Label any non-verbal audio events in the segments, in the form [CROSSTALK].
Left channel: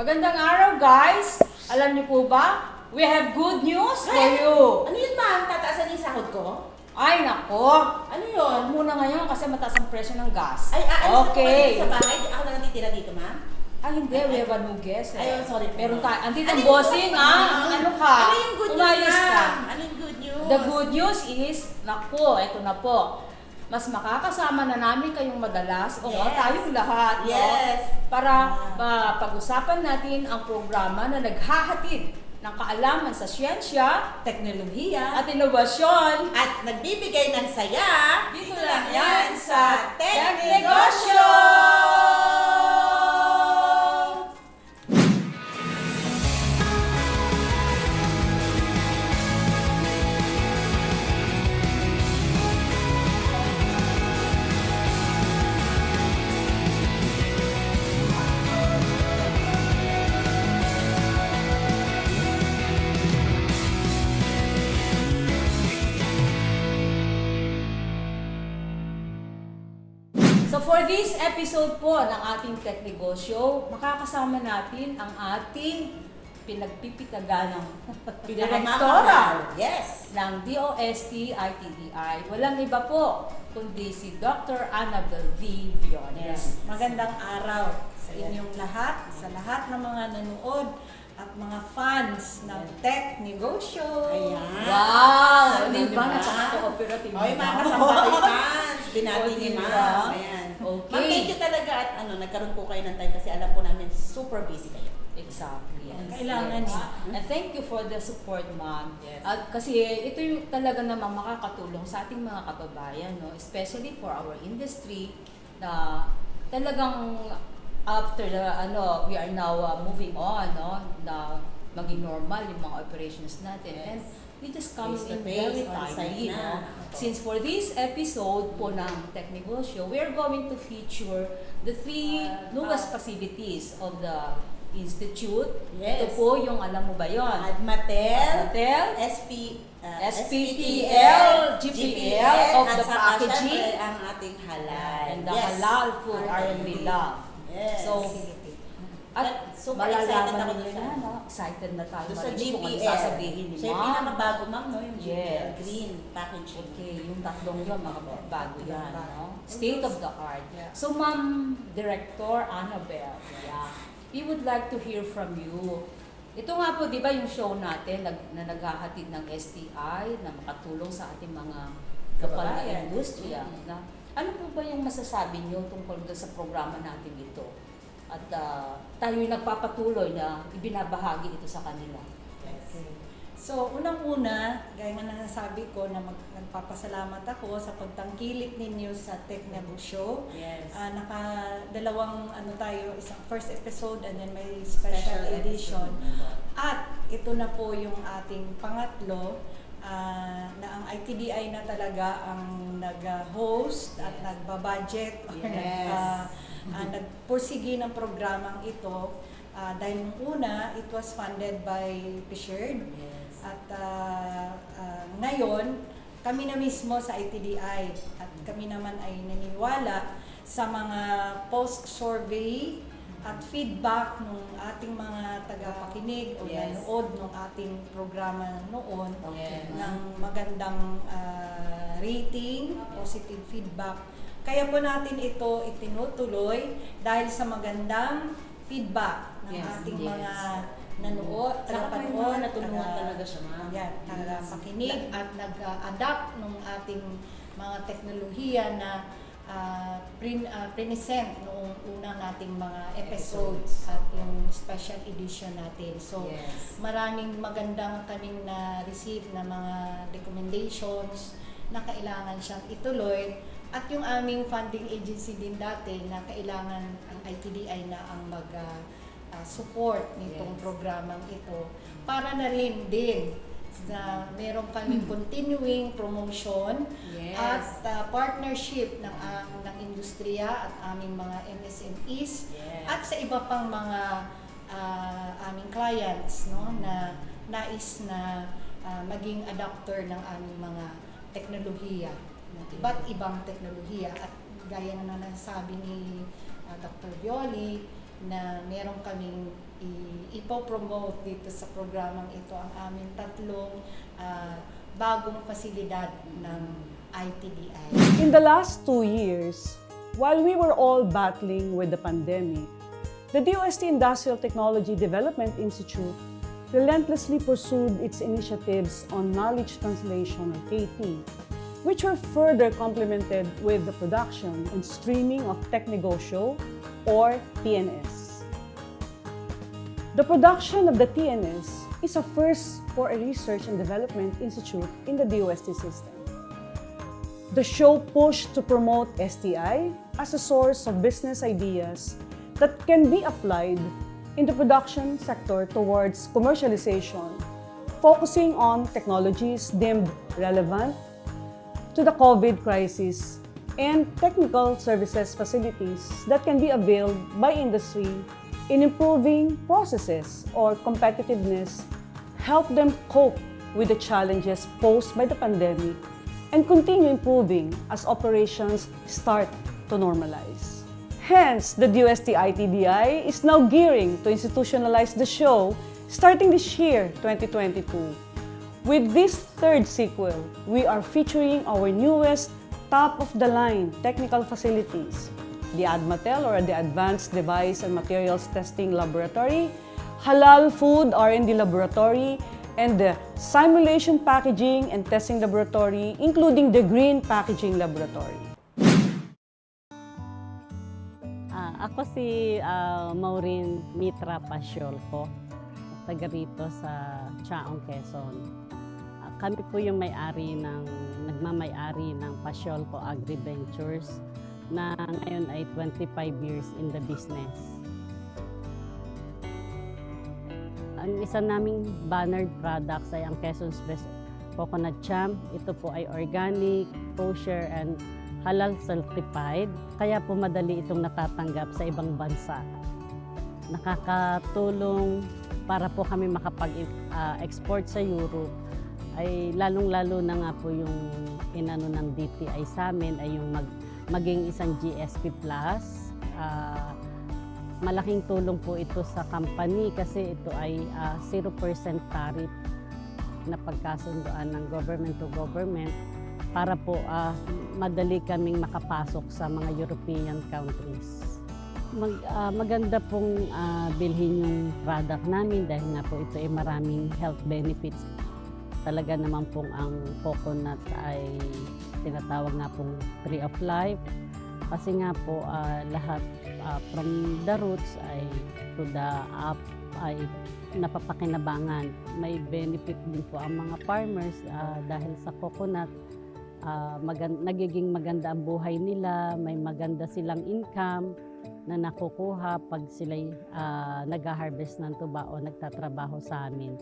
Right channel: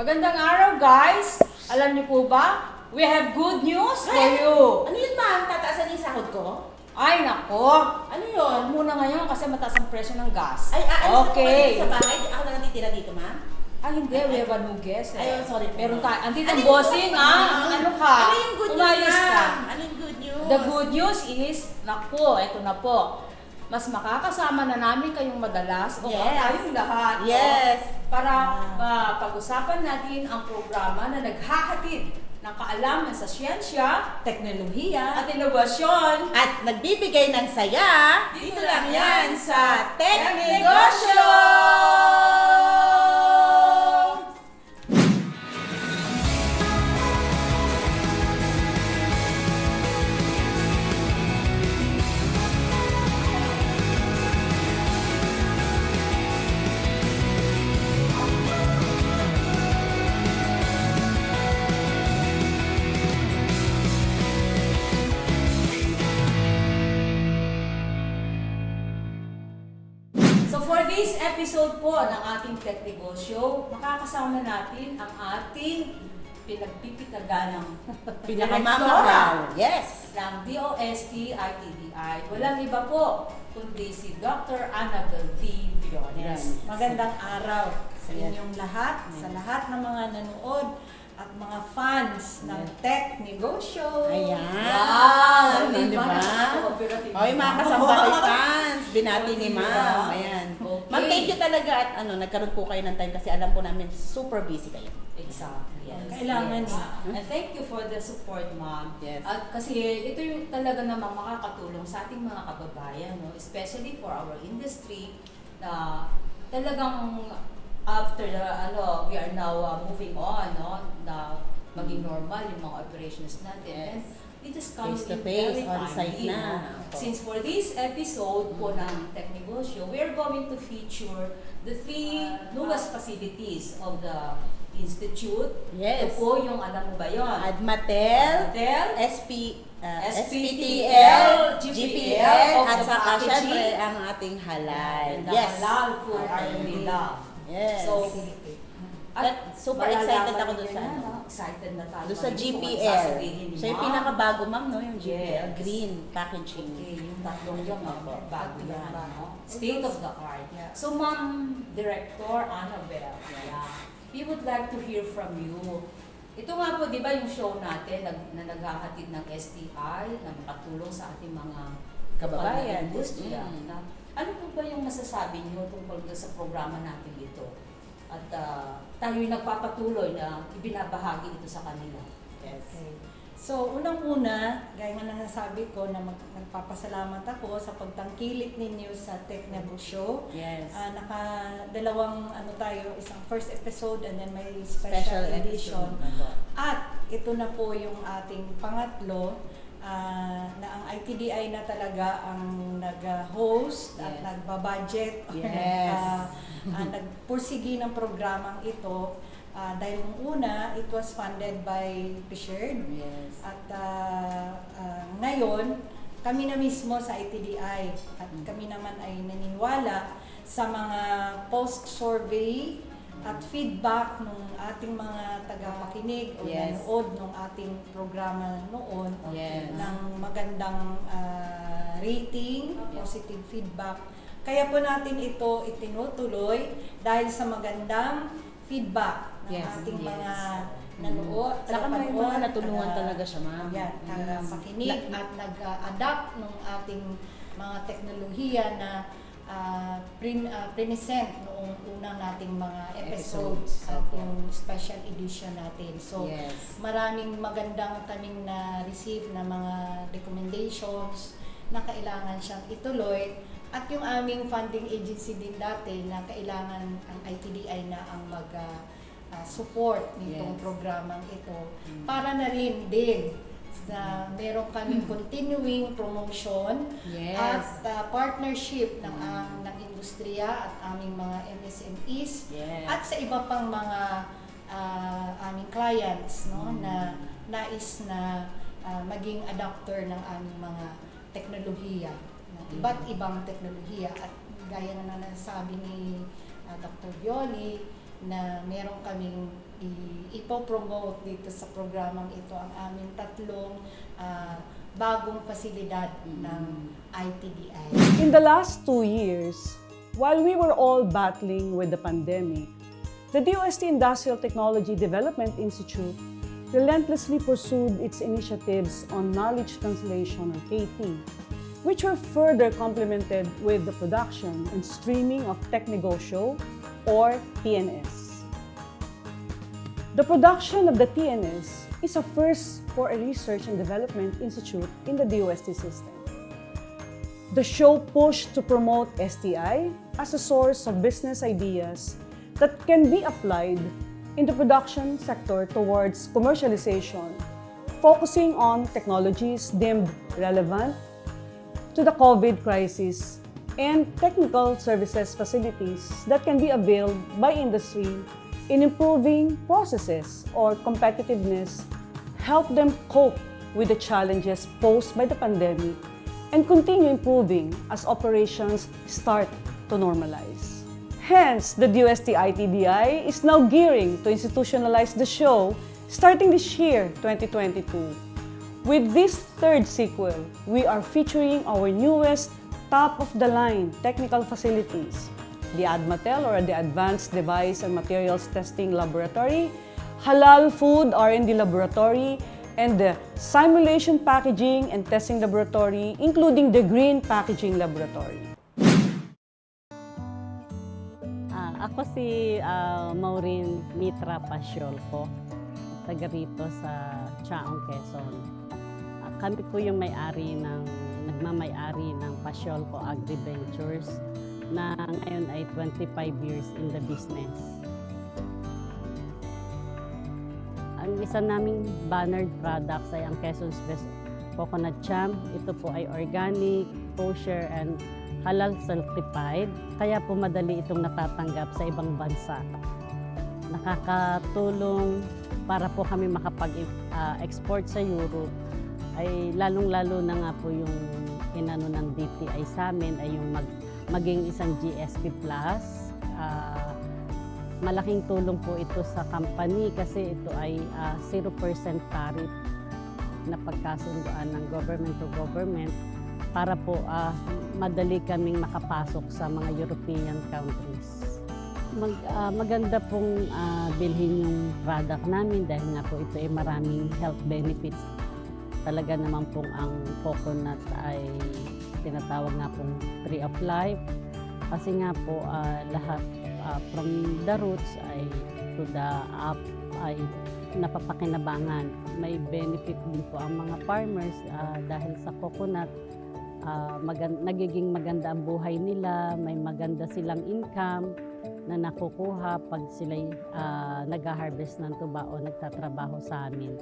Magandang araw guys! Alam niyo po ba, we have good news for Ay! you. Ano yun ma'am? Tataasan yung sahod ko? Ay nako! Ano yun? Huwag muna ngayon kasi mataas ang presyo ng gas. Ay, aalis na po okay. kayo sa bahay? Ako na natitira dito ma'am? Ay hindi, we have a new guest. eh. Ayun, sorry po. Meron tayo. Andito Ano ang yung bossing good- ah. Ano ka? Ano yung good news Umayos ka. ma'am? Ano yung good news? The good news is, naku, eto na po. Mas makakasama na namin kayong madalas o Yes. tayong lahat. Yes. Para Ah. pag-usapan natin ang programa na naghahatid ng kaalaman sa siyensya Teknolohiya. at inobasyon. At nagbibigay ng saya. Dito lang yan sa Tech! Negosyo! This episode po ng ating Tech Negosyo, makakasama natin ang ating pinagpipitaganang [LAUGHS] Pinakamamahal. Yes. ng DOST ITDI. Walang iba po kundi si Dr. Annabel V. Viones. Magandang araw sa inyong lahat, sa lahat ng mga nanood at mga fans ng Tech Negosyo. Ayan. Wow! Ano, Di ba? diba? Napaka-cooperative. Oy, mga kasambay [LAUGHS] fans, binati ni diba? ma'am. Ayan. Ma'am, thank you talaga at ano, nagkaroon po kayo ng time kasi alam po namin super busy kayo. Exactly. Yes. Kailangan yes. eh. And thank you for the support, ma'am. Yes. At kasi ito yung talaga namang makakatulong sa ating mga kababayan, no? especially for our industry na talagang after the ano we are now uh, moving on no na maging normal yung mga operations natin Yes. and we just come Face to in face, very on-site timely na. since for this episode po ng Tech Negosyo we are going to feature the three newest facilities of the institute Yes. ito po yung alam mo ba yon Admatel, Hotel SP, uh, SPTL, GPL of at the saka packaging. syempre ang ating halal. and the halal food are we love Yes. So, At super excited ako doon sa ano. Excited na tayo. Doon sa GPL. Siya yung pinakabago ma'am, no? Yung GPL. Yes. Green packaging. Okay, yung tatlong yun, mga bago yan. No? State of the art. Yeah. So, Ma'am Director Annabel, yeah, we would like to hear from you. Ito nga po, di ba yung show natin nag, na naghahatid ng STI na makatulong sa ating mga Kababayan. industriya. Mm. Na, ano po ba yung masasabi niyo tungkol sa programa natin dito? At uh, tayo'y nagpapatuloy na ibinabahagi ito sa kanila. Yes. Okay. So, unang-una, gaya nga na nasabi ko na mag, nagpapasalamat ako sa pagtangkilik ninyo sa Tech Negosyo. Yes. Ah, naka dalawang ano tayo, isang first episode and then may special, Special edition. episode. At ito na po yung ating pangatlo ah, na ang ITDI na talaga ang nag-host at Yes. nagbabudget o [LAUGHS] Yes. nag, ah, ah, nagpursigi ng programang ito. Ah, dahil nung una, it was funded by Fisher Yes. at ah, ah, ngayon, kami na mismo sa ITDI at kami naman ay naniniwala sa mga post-survey at feedback ng ating mga tagapakinig o Yes. nanood ng ating programa noon Yes. ng magandang ah, rating, positive feedback. Kaya po natin ito itinutuloy dahil sa magandang feedback ng Yes, ating yes. mga nanood, Saka may mga natulungan taga- talaga siya, ma'am. Yan, tagapakinig at nag-adapt ng ating mga teknolohiya na ah, prin, ah, present noong unang nating mga episodes Episodes, at yung special edition natin. So, Yes. maraming magandang kaming na-receive na mga recommendations na kailangan siyang ituloy at yung aming funding agency din dati na kailangan ang ITDI na ang mag ah, support nitong Yes. programang ito Mm. para na rin din na meron kaming continuing promotion Yes. at ah, partnership ng ang ng industriya at aming mga MSMEs Yes. at sa iba pang mga ah, aming clients no Mm. na nais na ah, maging adapter ng aming mga teknolohiya na Mm. iba't ibang teknolohiya at gaya na nasabi ni ah, Dr. Violi na meron kaming ipopromote dito sa programang ito ang aming tatlong ah, bagong pasilidad ng ITDI. In the last two years, while we were all battling with the pandemic, the DOST Industrial Technology Development Institute relentlessly pursued its initiatives on knowledge translation or KT, which were further complemented with the production and streaming of Technegosyo or TNS. The production of the TNS is a first for a research and development institute in the DOST system. The show pushed to promote STI as a source of business ideas that can be applied in the production sector towards commercialization, focusing on technologies deemed relevant to the COVID crisis and technical services facilities that can be availed by industry in improving processes or competitiveness, help them cope with the challenges posed by the pandemic, and continue improving as operations start to normalize. Hence, the DOST ITDI is now gearing to institutionalize the show starting this year, 2022. With this third sequel, we are featuring our newest top-of-the-line technical facilities, the ADMATEL or the Advanced Device and Materials Testing Laboratory, Halal Food R&D Laboratory, and the Simulation Packaging and Testing Laboratory, including the Green Packaging Laboratory. Ah, ako si ah, Maureen Mitra Pasyolko, taga rito sa Chaong, Quezon. Ah, kami po yung may-ari ng, nagmamay-ari ng Pasyolko Agri Ventures na ngayon ay 25 years in the business. Ang isa naming bannered products ay ang Quezon's Best Coconut Champ. Ito po ay organic, kosher, and halal certified, kaya po madali itong natatanggap sa ibang bansa. Nakakatulong para po kami makapag-export sa Europe ay lalong-lalo na nga po yung inano ng DTI sa amin ay yung mag, maging isang GSP Plus. Ah, malaking tulong po ito sa company kasi ito ay ah, 0% tariff na pagkasundoan ng government to government para po ah, madali kaming makapasok sa mga European countries. Mag, ah, maganda pong ah, bilhin yung product namin dahil nga po ito ay maraming health benefits. Talaga naman pong ang coconut ay tinatawag nga pong tree of life. Kasi nga po ah, lahat ah, from the roots ay to the up ay napapakinabangan. May benefit din po ang mga farmers ah, dahil sa coconut ah, magan- nagiging maganda ang buhay nila, may maganda silang income na nakukuha pag sila uh, nag-harvest ng tuba o nagtatrabaho sa amin.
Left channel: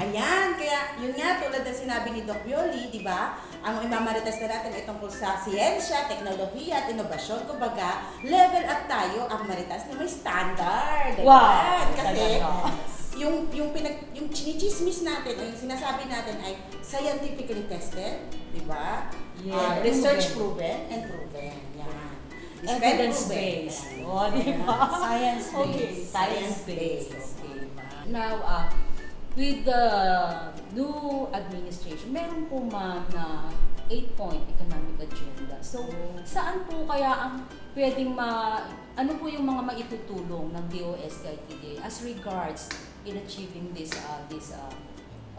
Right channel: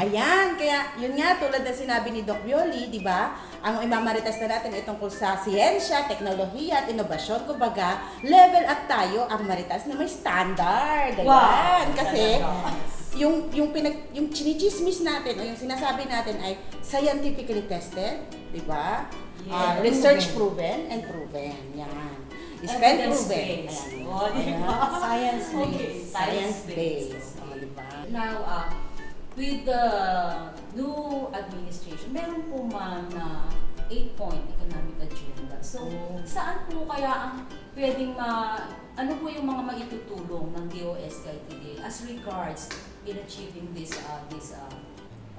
Ayan, kaya yun nga tulad ng sinabi ni Doc Violi, di ba? Ang imamarites na natin ay tungkol sa siyensya, teknolohiya at inobasyon. Kumbaga, level up tayo ang maritas na may standard. Ayan. Wow! Kasi yung yung pinag yung chinichismis natin o yung sinasabi natin ay scientifically tested, di ba? Yeah, Ah, research proven and proven. Yan. Is. Ayan. Oh, di ba? Science-based. Okay, Science-based. science-based. Oh, di ba? Now, uh, with the new administration, meron po man na 8-point economic agenda. So, saan po kaya ang pwedeng ma... Ano po yung mga maitutulong ng DOST-ITD as regards in achieving this uh, this uh,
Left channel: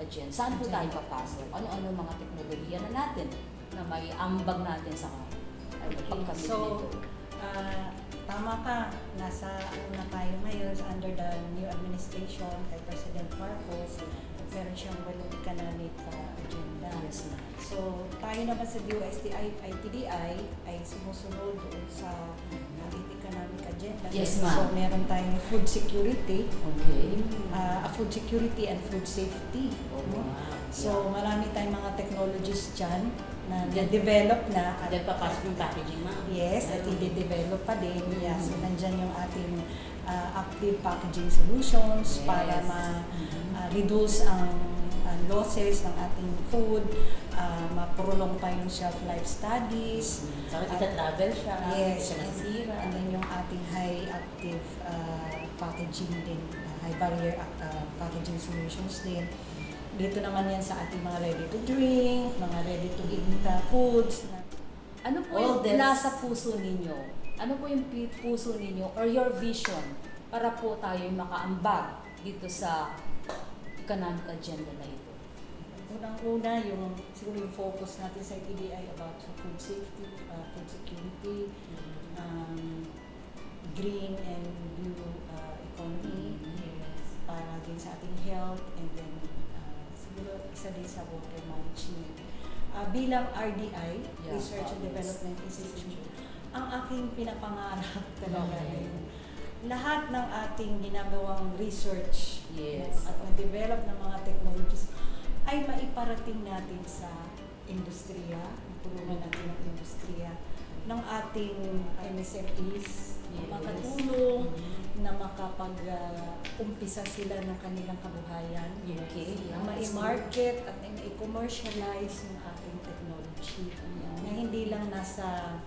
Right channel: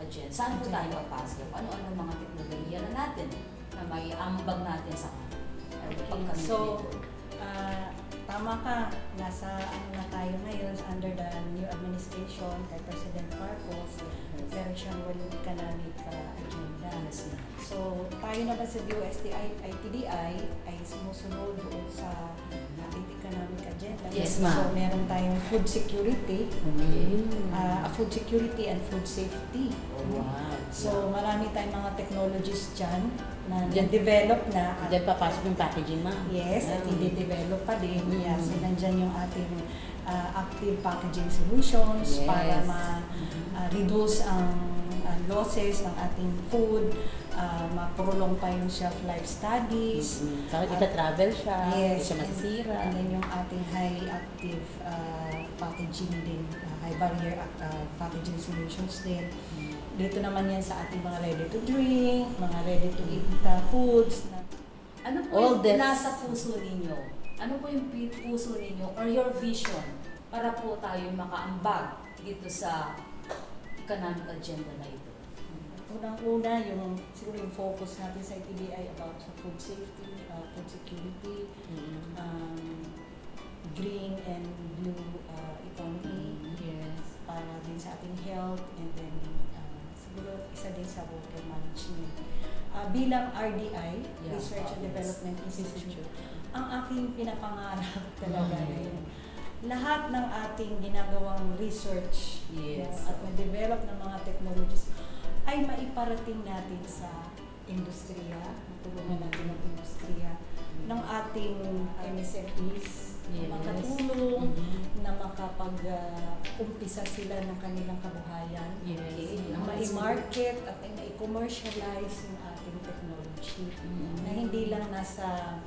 agenda? Saan po tayo papasok? Ano-ano mga teknolohiya na natin na may ambag natin sa uh, Okay, pagkamit so, nito? ah, tama ka. Nasa ano na tayo ngayon under the new administration kay President Marcos. Meron siyang walong economic ah, agenda. Yes, ma'am. So, tayo naman sa DOST ITDI ay sumusunod doon sa ating economic agenda. Yes, ma'am. So, meron tayong food security, Okay. ah, food security and food safety. Oh, wow. So, marami tayong mga technologies dyan na na-develop na at Then papasok yung packaging, ma'am. Yes, at i-develop pa din. Mm. Yeah, so nandyan yung ating ah, active packaging solutions Yes. para ma-reduce ang ah, losses ng ating food, ah, mapurulong pa yung shelf life studies. Mm. Bakit At- ita-travel siya? Yes, siya and- masisira. And then yung ating high active ah, packaging din, ah, high barrier ah, packaging solutions din. Dito naman yan sa ating mga ready to drink, mga ready to eat ah, foods na Ano po All yung this- nasa puso ninyo? Ano po yung puso ninyo or your vision para po tayo makaambag dito sa economic agenda na ito? Unang-una, yung siguro yung focus natin sa ITDI about sa food safety, uh, food security, um, green and blue uh, economy, Yes. para din sa ating health, and then uh, siguro isa din sa water management. Uh, bilang RDI, Yeah, Research and. Development Institute, ang aking pinapangarap [LAUGHS] talaga yun. Lahat ng ating ginagawang research Yes. no, at na-develop ng mga technologies ay maiparating natin sa industriya, matulungan natin ng industriya, ng ating MSMEs, Yes. na makatulong, Mhm. na makapag-umpisa sila ng kanilang kabuhayan, Okay. na mai-market at na mai-commercialize yung ating technology Mhm. na hindi lang nasa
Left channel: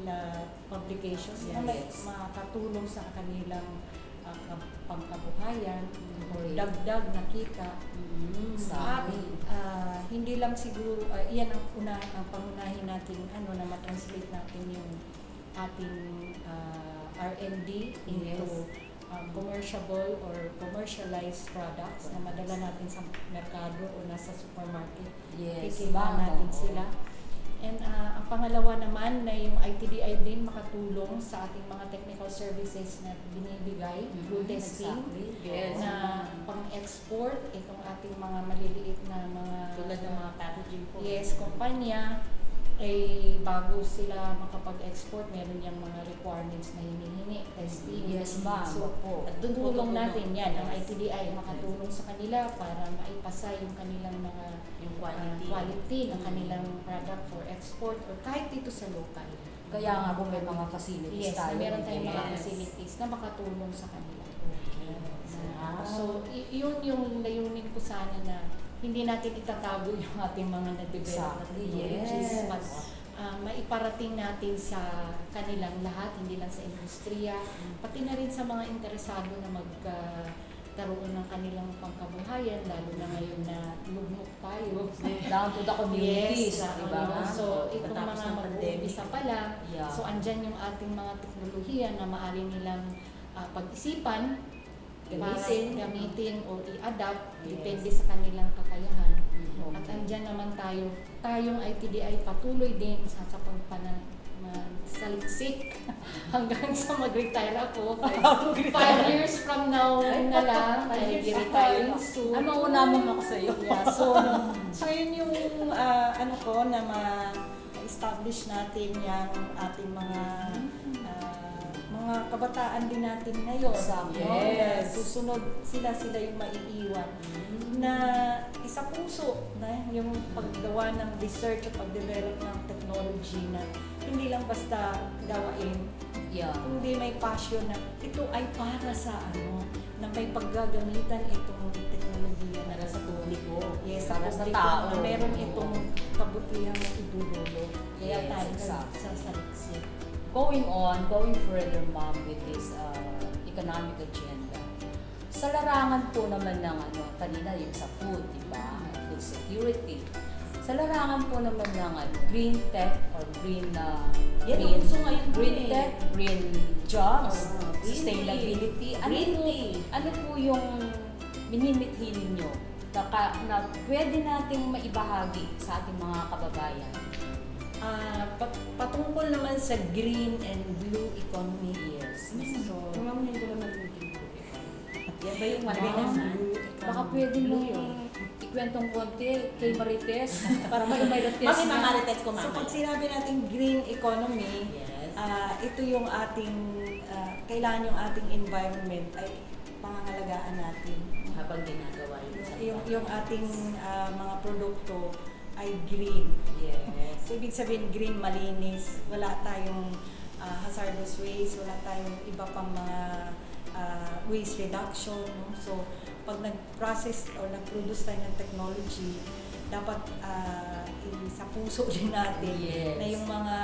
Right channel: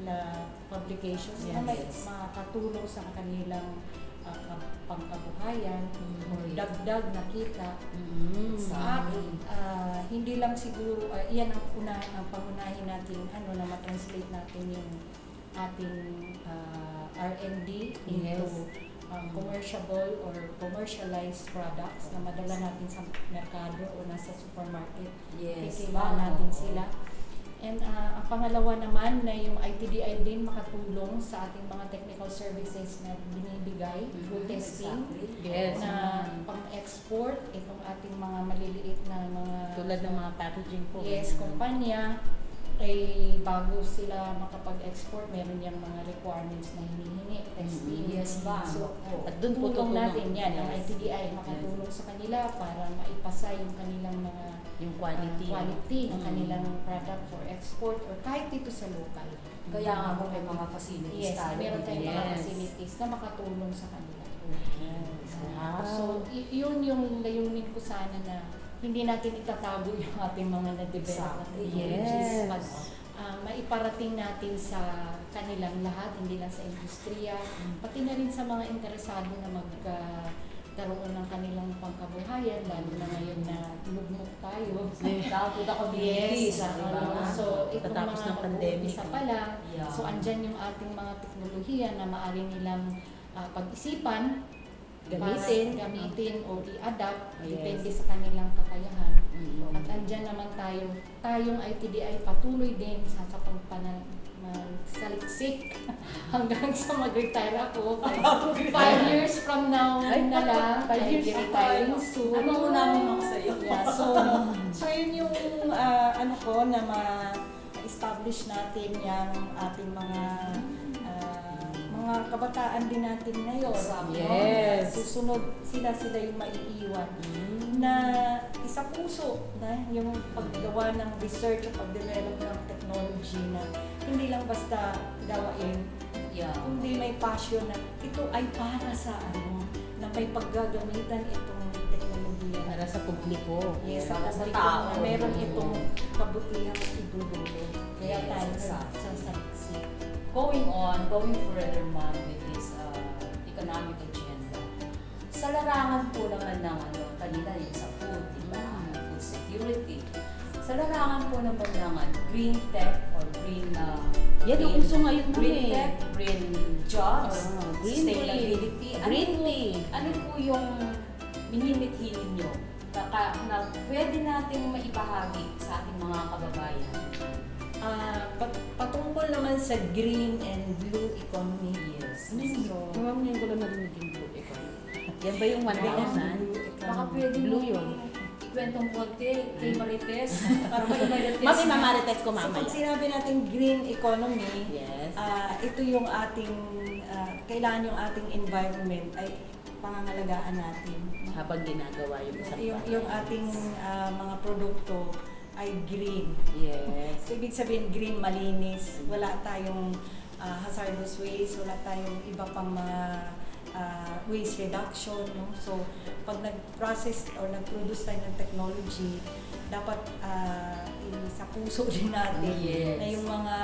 la publications na may Yes. makatulong sa kanilang kab- pangkabuhayan or Okay. dagdag na kita Mm. Sa amin. ah, hindi lang siguro ah, iyan ang una ang pangunahin natin ano na ma-translate natin yung ating ah, R&D into Yes. um, commerciable or commercialized products na madala natin sa merkado o nasa supermarket. Yes. Kikitaan ma'am. natin sila. And ah, ang pangalawa naman na yung ITDI din makatulong sa ating mga technical services na binibigay Mhm, through testing exactly. Yes. na pang-export itong ating mga maliliit na mga Tulad ng mga packaging po. yes kumpanya ay bago sila makapag-export meron yung mga requirements na hinihingi testing Yes, ma'am. so Opo. At doon po tulong natin yan ang Yes. ITDI makatulong sa kanila para maipasa yung kanilang mga Yung ah, quality. quality ng Mm. kanilang product for export or kahit dito sa local. Kaya nga po may mga facilities Yes, tayo. meron tayong mga Yes. facilities na makatulong sa kanila. Yes. Wow. So, y- yun yung layunin ko sana na hindi natin itatago yung ating mga na-develop na Exactly. technologies. Yes. But, ah, maiparating natin sa kanilang lahat, hindi lang sa industriya, pati na rin sa mga interesado na magkaroon ng kanilang pangkabuhayan, lalo na ngayon na lugmok tayo. Down to the communities. Yes, di ah, ba? ano, so itong Pagkatapos mga mag-uumpisa pa lang, Yeah. so andyan yung ating mga teknolohiya na maaari nilang ah, pag-isipan, Gamitin. para gamitin o i-adapt, Yes. depende sa kanilang kakayahan. Mm. At andyan naman tayo, tayong ITDI patuloy din sa sa pagpana saliksik [LAUGHS] hanggang sa mag-retire ako. Five years from now na lang, retiring tayo. soon. Ano mo namin ako sa'yo? Yeah, [LAUGHS] so, so yun yung ah, ano ko na ma- establish natin yung ating mga ah, mga kabataan din natin ngayon. Exactly. no? Yes. Na Susunod sila sila yung maiiwan na isa puso na yung paggawa ng research o pag-develop ng technology na hindi lang basta gawain Yeah. kundi may passion na ito ay para sa ano na may paggagamitan itong teknolohiya Para sa publiko. Yes, Para sa sa publiko tao. na meron itong kabutihang idudulog. Kaya Yes, tayo exactly. sa saliksik. Going on, going further, ma'am, with this uh, economic agenda. Sa larangan po naman ng ano, kanina yung sa food, di ba? Food security. Sa larangan po naman ng ano, green tech or green uh, Yan green- uso ngayon green eh. tech, green jobs, Ah, green sustainability. Ano Green po, tea. ano po yung minimithi ninyo na, na pwede nating maibahagi sa ating mga kababayan? Ah, pat- patungkol naman sa green and blue economy. Yes. So, Ma'am, ngayon ko lang narinig yung blue economy. Yan ba yung one blue Baka pwede Blue yun. ikwentong konti kay Marites [LAUGHS] para may Marites Mami, mamarites ko So, mamaya. pag sinabi natin green economy, Yes. ah, ito yung ating, ah, kailangan yung ating environment ay pangangalagaan natin. Habang ginagawa yung isang Yung, yung ating ah, mga produkto ay green. Yes. So, ibig sabihin green, malinis. Wala tayong ah, hazardous waste, wala tayong iba pang mga ah, waste reduction. No? So, pag nag-process or nag-produce tayo ng technology, dapat i- sa puso [LAUGHS] din natin Yes. na yung mga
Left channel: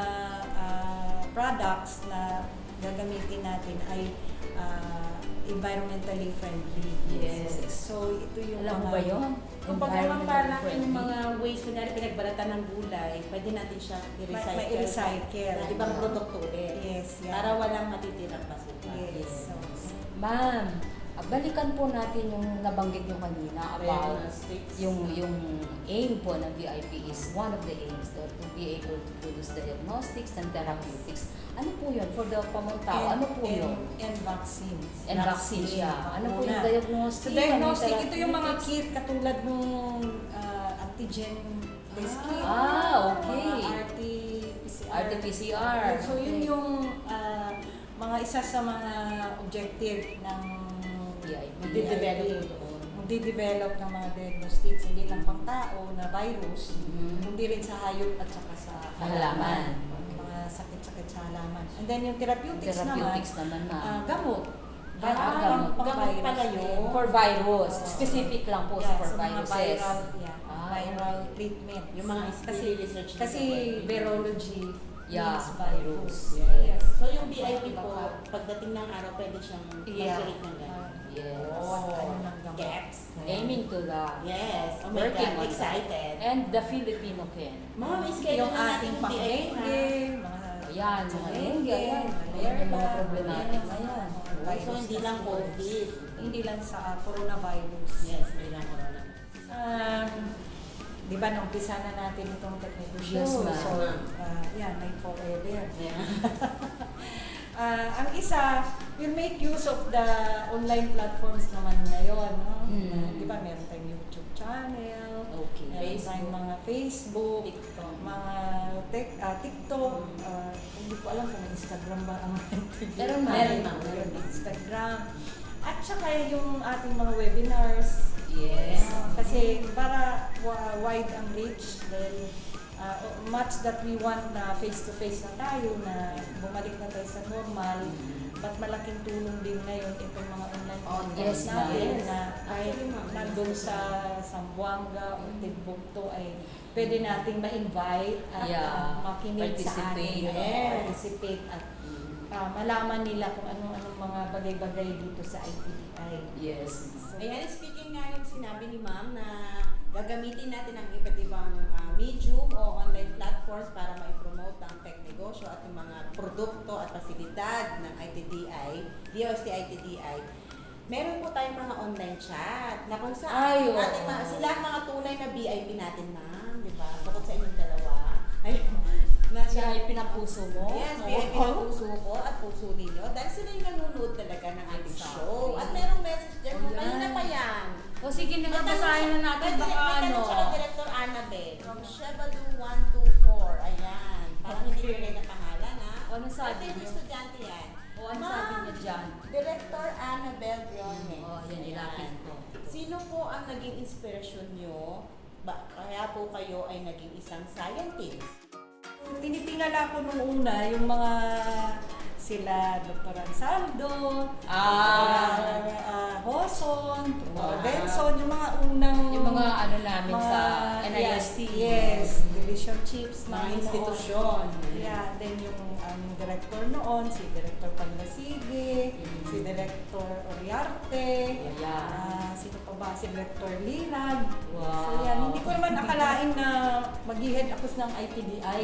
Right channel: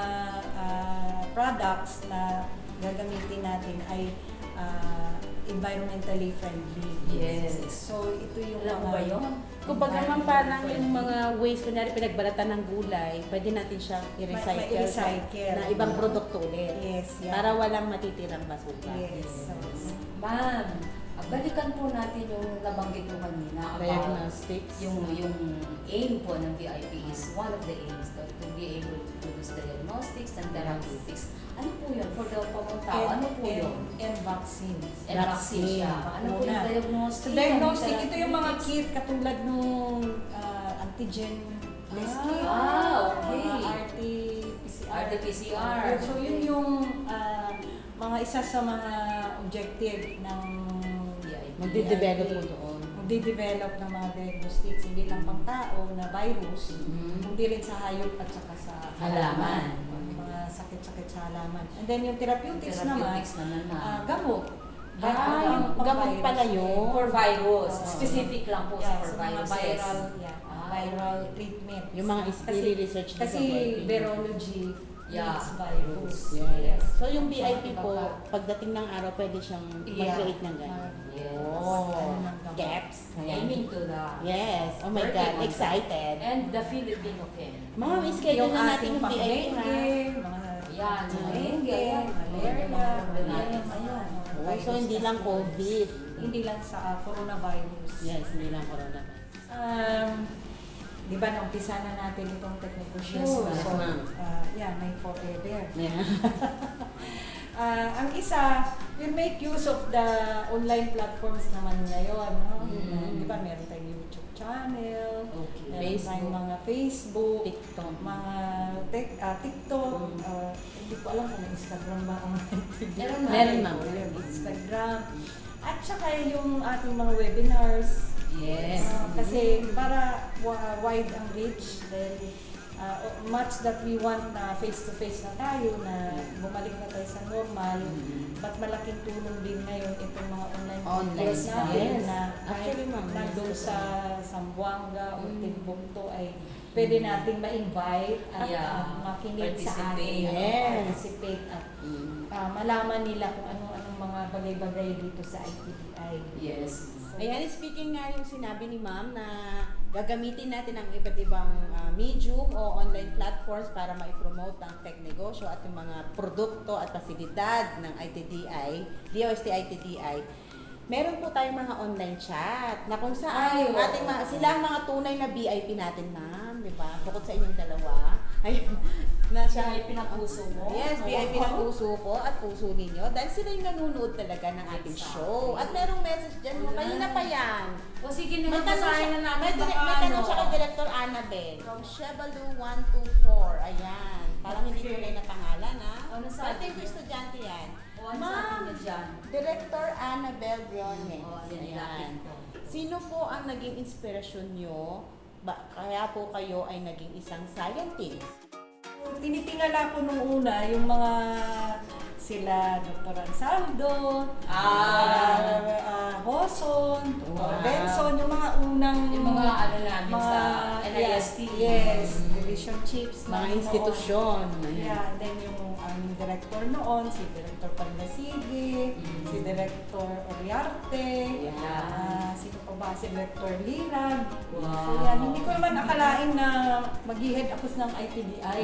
ah, products na gagamitin natin ay ah, environmentally friendly. Yes. So, ito yung Alam mo mga... ba yun? Kung baga Environment parang yung mga waste, kunyari pinagbalatan ng gulay, pwede natin siya i-recycle, Ma- ma-recycle. na ibang produkto ulit. Yes, yeah. Para walang matitirang basura. Yes. So, Ma'am, balikan po natin yung nabanggit nyo kanina about Diagnostics. yung yung aim po ng VIP is one of the aims to, to be able to produce diagnostics and therapeutics. Ano po yun? For the common tao, ano po and, yun? And vaccines. And vaccine siya. Ano po yung diagnostic? So, diagnostic, Ano ito yung mga kit katulad nung ah, antigen test kit. Ah, okay. mga RT-PCR. RT-PCR. So, yun Okay. yung ah, mga isa sa mga objective ng VIP. Magde-develop po doon. Magde-develop ng mga diagnostics, hindi lang pang tao na virus, Mhm. kundi rin sa hayop at saka sa Halaman. Yung mga sakit-sakit sa halaman. And then yung therapeutics, Therapeutics naman, naman na. ah, gamot. Ah, pang gamot pala yun. for virus. Oo. Specific lang po Yeah, sa for mga viruses. viral, yeah, Ah. viral treatment. Yung mga kasi, research kasi virology Yeah, means virus. Yes. So yung VIP Iba po, pa. pagdating ng araw, pwede siyang Yeah. mag-create ng gano'n. Yes. Oh, gaps. Aiming to the Yes. Oh my Working God, on excited. and the Filipino can. Ma'am, schedule yung na natin yung VIP na. mga Ayan, dengue, dengue, ayan. malaria, Yung mga ayan, yan. mga Oh, so hindi lang. COVID. Hindi lang sa ah, coronavirus. Yes, hindi lang corona. Um, di ba, naumpisa na natin itong technical Yes, show. ma'am. So, uh, yeah, Night Forever. Yeah. Ah, [LAUGHS] ang isa, we'll make use of the online platforms naman ngayon. No? Mm. Di ba, meron tayong YouTube channel, Okay. meron tayong Facebook. mga Facebook, TikTok. mga tek- ah, TikTok, Mm. ah, hindi ko alam kung may Instagram ba ang [LAUGHS] Meron, ma'am. Meron, ma'am. Meron Instagram. At saka yung ating mga webinars, Yes. Ah, kasi para wa- wide ang reach, then o- much that we want na face-to-face na tayo, na bumalik na tayo sa normal, but malaking tulong din ngayon itong mga online yes, natin yes. na kahit Actually, nandun sa Zamboanga o Timbuktu ay pwede nating ma-invite at Yeah. ah, makinig sa atin, Participate. Yes. participate at Mm. ah, malaman nila kung ano-anong mga bagay-bagay dito sa ITDI. Yes. Ayan, speaking nga yung sinabi ni ma'am na gagamitin natin ang iba't ibang ah, medium o online platforms para ma-promote ang tech negosyo at yung mga produkto at pasilidad ng ITDI, DOST ITDI. Meron po tayong mga online chat na kung saan Ay, yung oo. ating mga, sila ang mga tunay na VIP natin, ma'am, di ba? Bukod sa inyong dalawa. Ay, [LAUGHS] na Siya ay pinapuso mo. Yes. VIP ng puso ko at puso ninyo dahil sila yung nanonood talaga ng ating Exactly. show. At merong message dyan, Ayan. kanina pa yan. O sige na basahin na natin may, dire- baka may ano. tanong siya kay Director Annabel from Chevalu 124. Ayan. Parang hindi Okay. tunay na pangalan, ha? Ano sabi Ito yung niyo? estudyante yan. O ano sabi niya dyan? Director Annabel Briones. O, yan, ilapit ko. Sino po ang naging inspirasyon nyo? Ba, kaya po kayo ay naging isang scientist? Tinitingala ko nung una yung mga sila Dr. Ansaldo, Ah. Dr. ah, Hoson, Dr. Wow. Benson, yung mga unang Yung mga ano namin mga- sa NIST. Yes, division chiefs Mga institusyon. Yeah, then yung aming director noon, si Director Panlasigi, Mm. si Director Oriarte, Yeah. ah, sino pa ba? Si Director Lirag. Wow. So yan, hindi ko naman akalain na mag-head ako ng ITDI.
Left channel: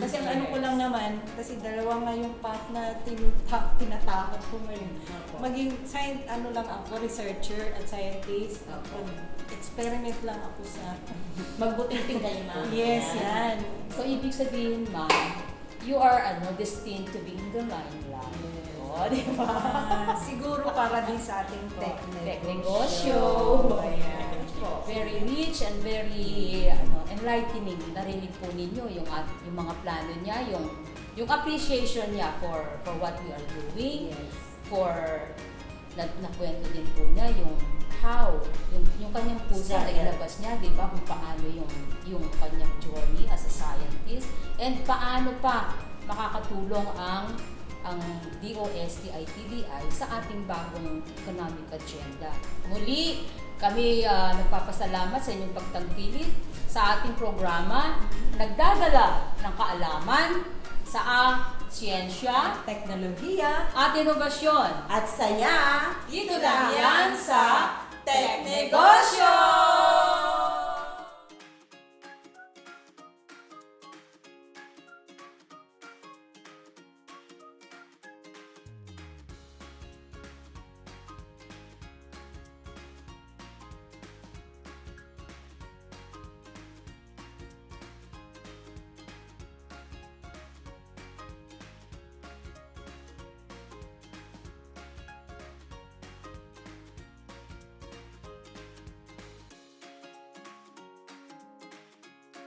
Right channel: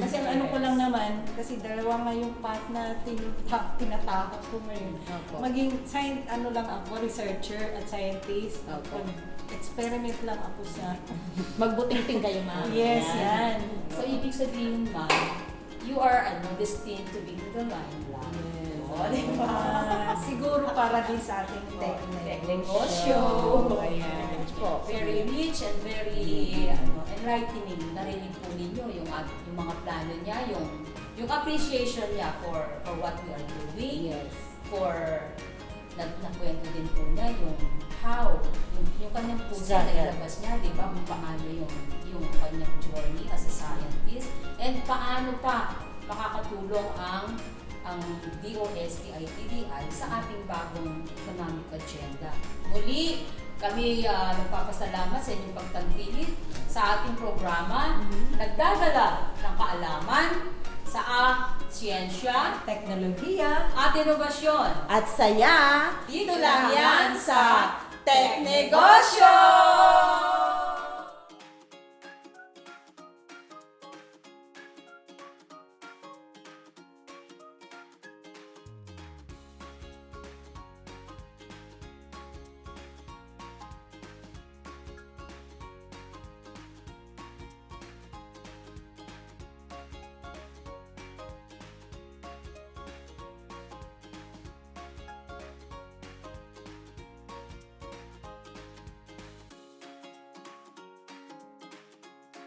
kasi ang ano ko lang naman, kasi dalawa nga yung path na tinata- tinatakot ko ngayon. Opo. Maging science, ano lang ako, researcher at scientist. Opo. Experiment lang ako sa... Magbuting-ting kayo, ma'am. yes, Ayan. yan. So, ibig sabihin, ma'am, you are ano, destined to be in the limelight. O, di ba? Ah, [LAUGHS] siguro para din sa ating tech Tech negosyo. Ayan. po, very rich and very ano, enlightening. Narinig po ninyo yung, yung mga plano niya, yung yung appreciation niya for for what we are doing, Yes. for na, nakwento din po niya yung how, yung, yung kanyang puso na ilabas niya, di ba, kung paano yung, yung kanyang journey as a scientist, and paano pa makakatulong ang ang DOST ITDI sa ating bagong economic agenda. Muli, kami ah, nagpapasalamat sa inyong pagtangkilik sa ating programa, nagdadala ng kaalaman sa siyensya Teknolohiya at inobasyon. at saya Dito lang yan sa Negocio.